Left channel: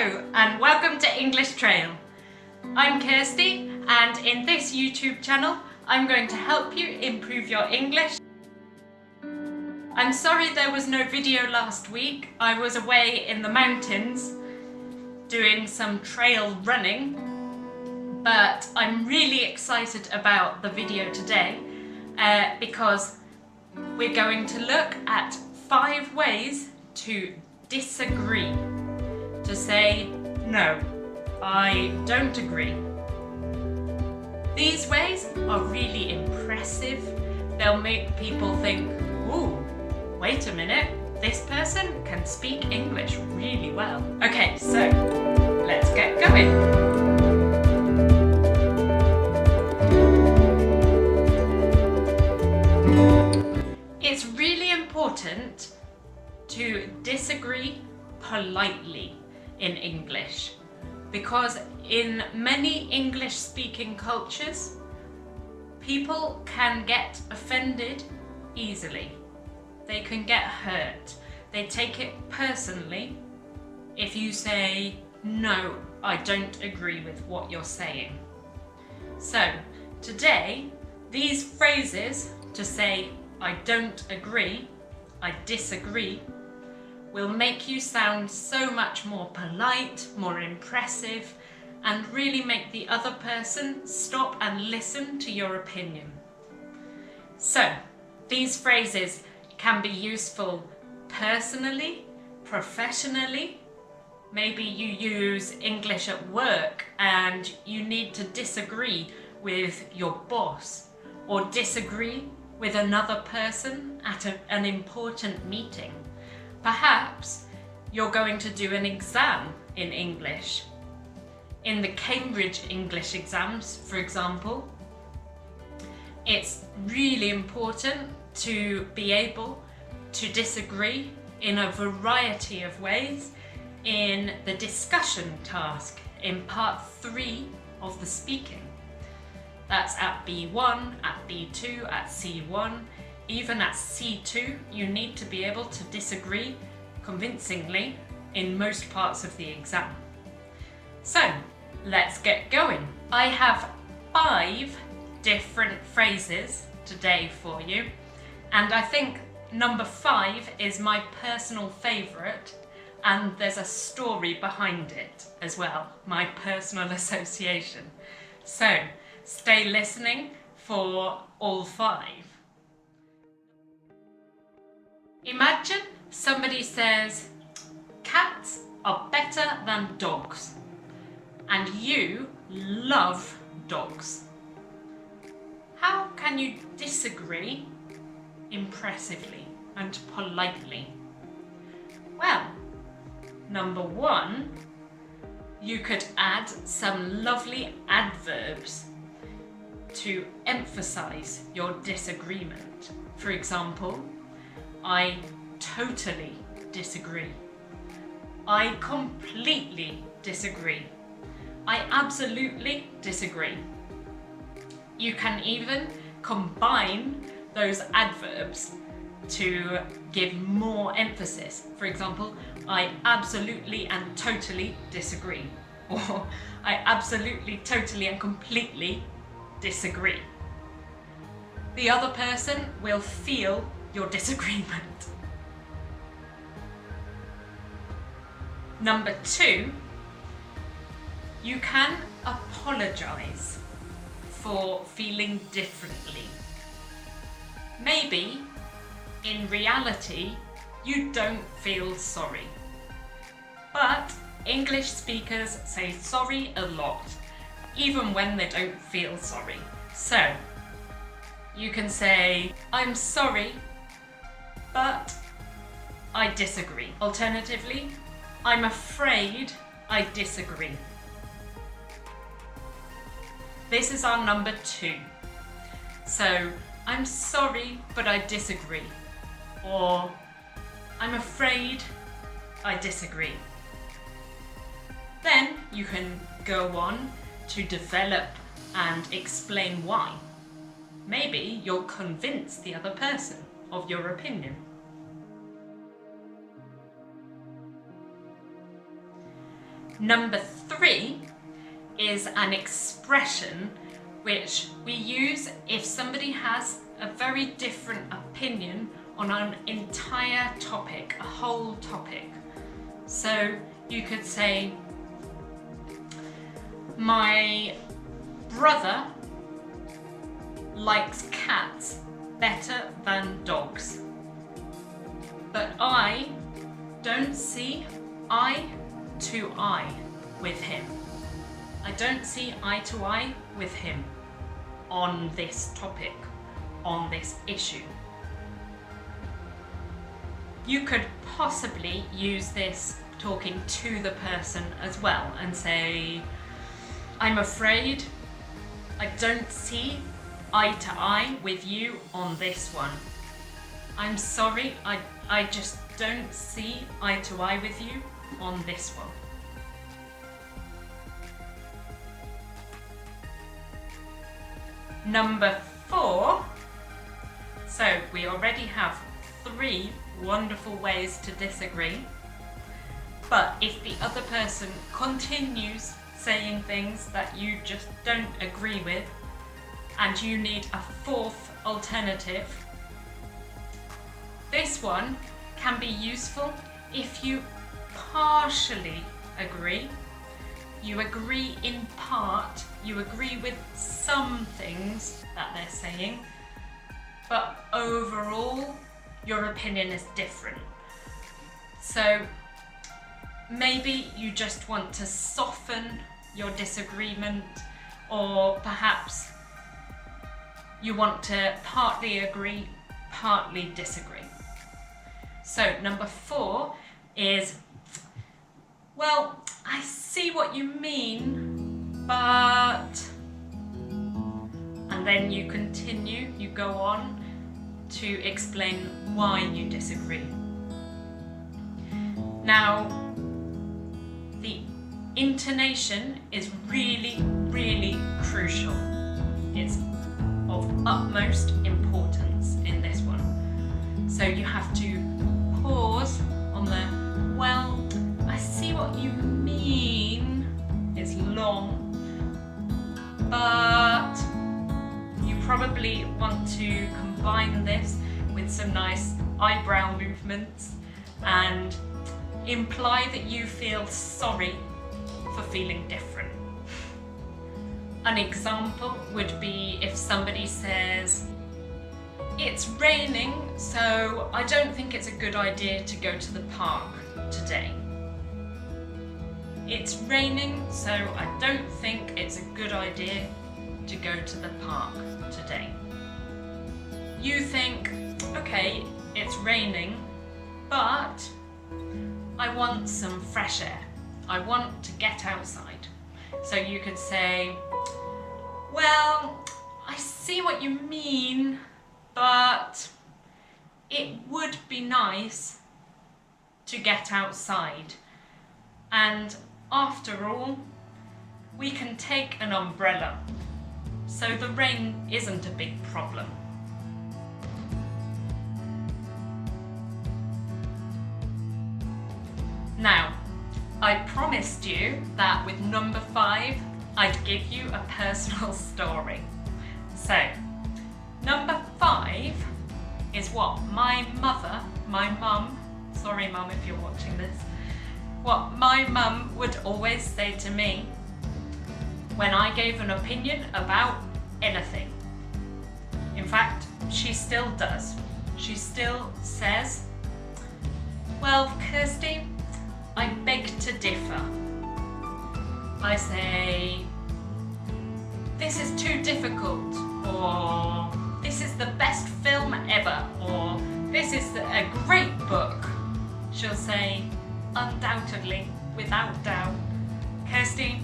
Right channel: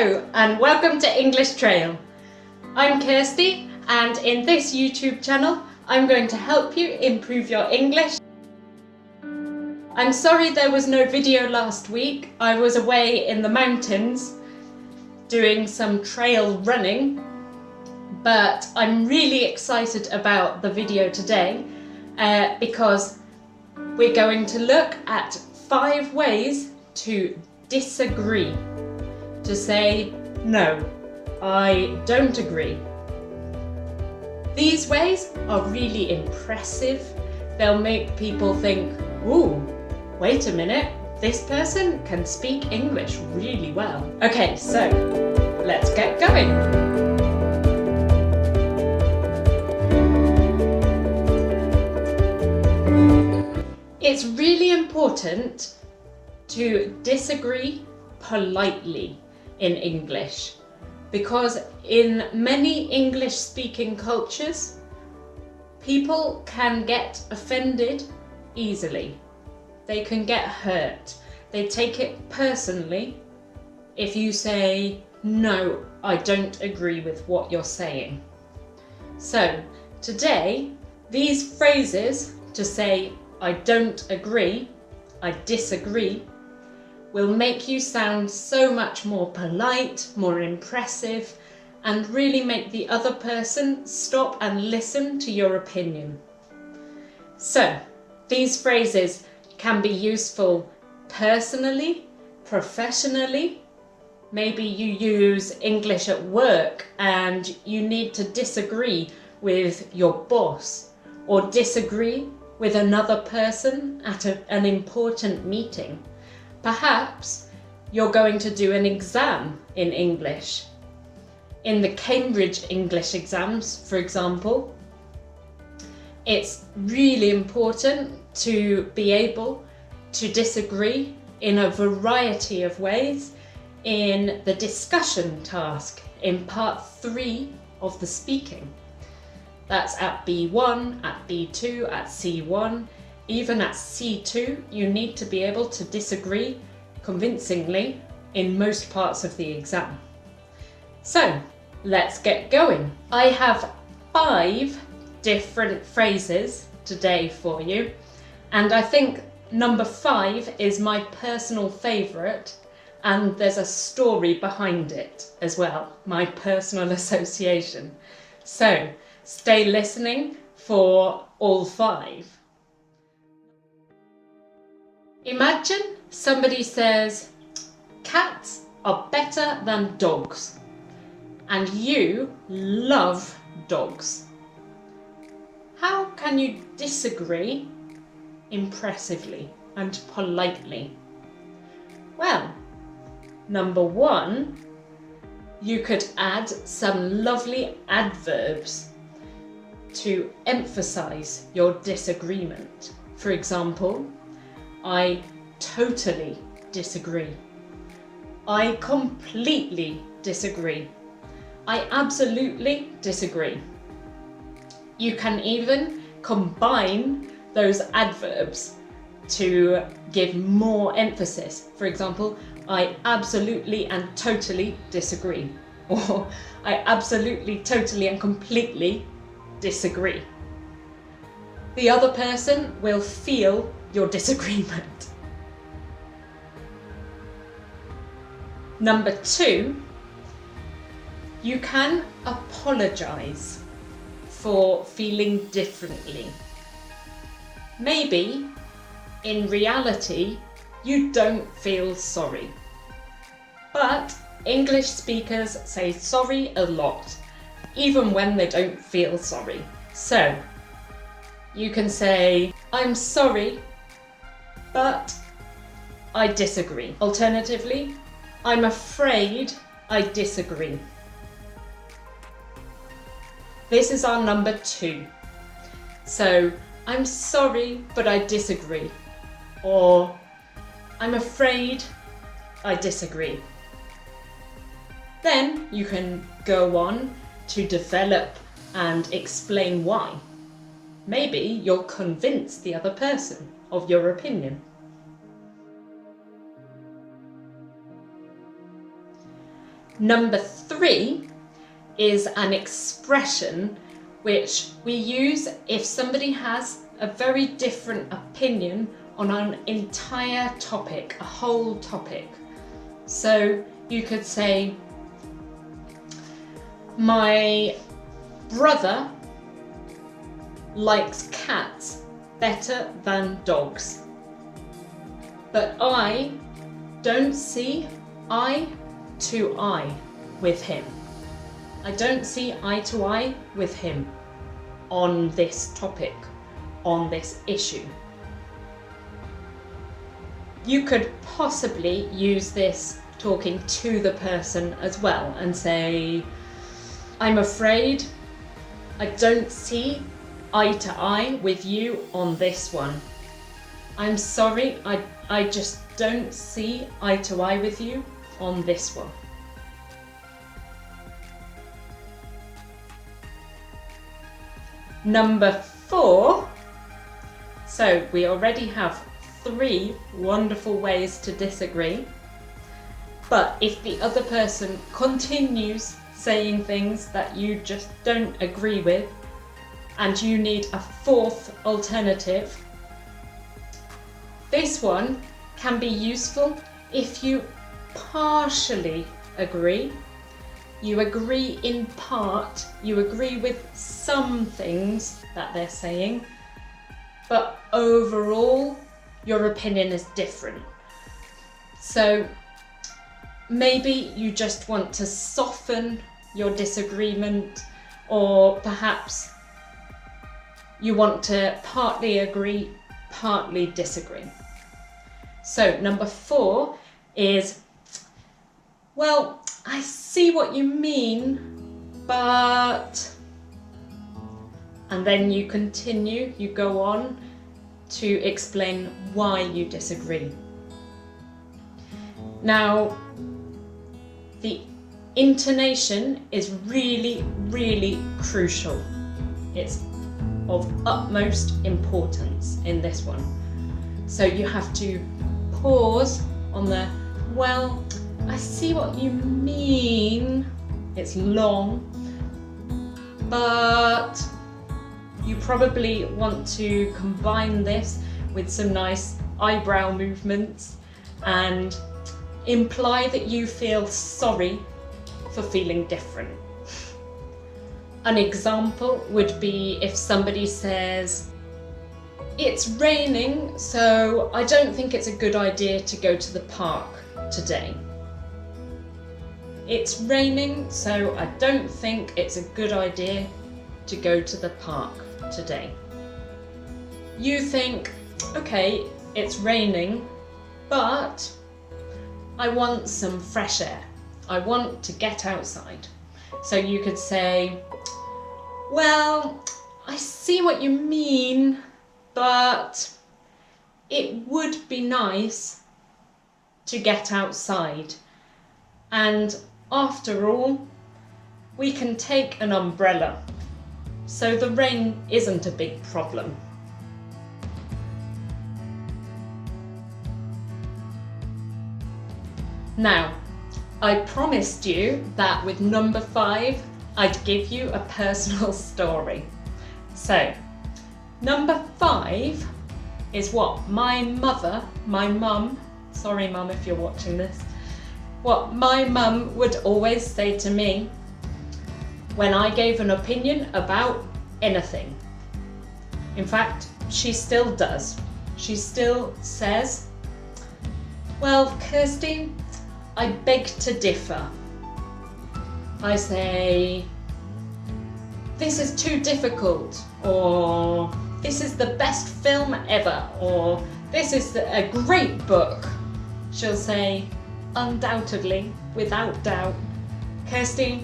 Hello and welcome to English Trail. I'm Kirsty and in this YouTube channel I'm going to help you improve your English. I'm sorry there was no video last week. I was away in the mountains doing some trail running, but I'm really excited about the video today because we're going to look at 5 ways to disagree. To say, no, I don't agree. These ways are really impressive. They'll make people think, ooh, wait a minute, this person can speak English really well. Okay, so let's get going. It's really important to disagree politely in English, because in many English speaking cultures, people can get offended easily. They can get hurt. They take it personally if you say, no, I don't agree with what you're saying. So today, these phrases to say, I don't agree, I disagree, will make you sound so much more polite, more impressive, and really make the other person stop and listen to your opinion. So, these phrases can be useful personally, professionally. Maybe you use English at work and you need to disagree with your boss or disagree with another person at an important meeting. Perhaps you're going to do an exam in English. In the Cambridge English exams, for example, it's really important to be able to disagree in a variety of ways in the discussion task in part 3 of the speaking. That's at B1, at B2, at C1. Even at C2, you need to be able to disagree convincingly in most parts of the exam. So, let's get going. I have 5 different phrases today for you, and I think number 5 is my personal favourite, and there's a story behind it as well, my personal association. So, stay listening for all 5. Imagine somebody says, cats are better than dogs, and you love dogs. How can you disagree impressively and politely? Well, number 1, you could add some lovely adverbs to emphasize your disagreement. For example, I totally disagree. I completely disagree. I absolutely disagree. You can even combine those adverbs to give more emphasis. For example, I absolutely and totally disagree. Or I absolutely, totally and completely disagree. The other person will feel your disagreement. Number 2, you can apologise for feeling differently. Maybe, in reality, you don't feel sorry. But English speakers say sorry a lot, even when they don't feel sorry. So, you can say, I'm sorry, but I disagree. Alternatively, I'm afraid I disagree. This is our number 2. So, I'm sorry, but I disagree. Or, I'm afraid I disagree. Then you can go on to develop and explain why. Maybe you'll convince the other person of your opinion. Number 3 is an expression which we use if somebody has a very different opinion on an entire topic, a whole topic. So you could say, my brother likes cats better than dogs, but I don't see eye to eye with him. I don't see eye to eye with him on this topic, on this issue. You could possibly use this talking to the person as well and say, I'm afraid I don't see eye to eye with you on this one. I'm sorry, I just don't see eye to eye with you on this one. Number 4. So we already have 3 wonderful ways to disagree. But if the other person continues saying things that you just don't agree with, and you need a 4th alternative, this one can be useful if you partially agree. You agree in part, you agree with some things that they're saying, but overall your opinion is different. So maybe you just want to soften your disagreement, or perhaps you want to partly agree, partly disagree. So number 4 is, well, I see what you mean, but... And then you continue, you go on to explain why you disagree. Now, the intonation is really, really crucial. It's of utmost importance in this one. So you have to pause on the, well, I see what you mean. It's long, but you probably want to combine this with some nice eyebrow movements and imply that you feel sorry for feeling different. An example would be if somebody says, it's raining, so I don't think it's a good idea to go to the park today. It's raining, so I don't think it's a good idea to go to the park today. You think, okay, it's raining, but I want some fresh air. I want to get outside. So you could say, well, I see what you mean, but it would be nice to get outside. And after all, we can take an umbrella, so the rain isn't a big problem. Now, I promised you that with number 5, I'd give you a personal story. So, number 5 is what my mum, sorry mum if you're watching this, what my mum would always say to me when I gave an opinion about anything. In fact, she still does. She still says, well, Kirsty, I beg to differ. I say, this is too difficult, or this is the best film ever, or this is a great book. She'll say, undoubtedly, without doubt, Kirsty,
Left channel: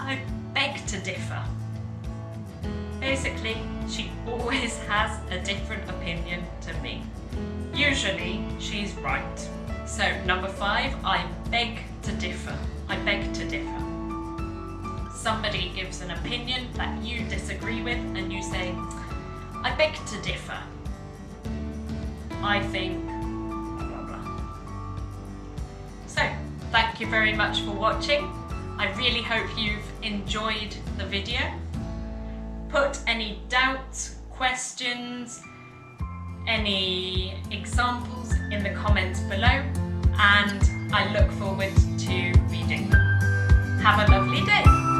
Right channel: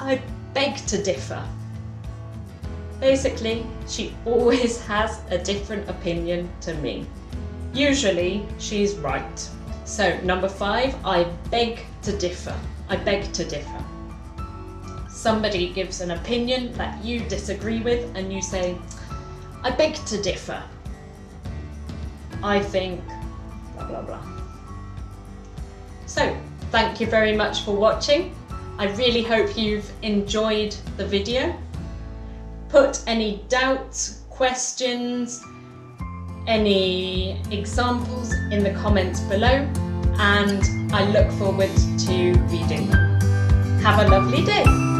I beg to differ. Basically, she always has a different opinion to me. Usually, she's right. So, number 5, I beg to differ. I beg to differ. Somebody gives an opinion that you disagree with and you say, I beg to differ. I think blah blah blah. So thank you very much for watching. I really hope you've enjoyed the video. Put any doubts, questions, any examples in the comments below, and I look forward to reading them. Have a lovely day.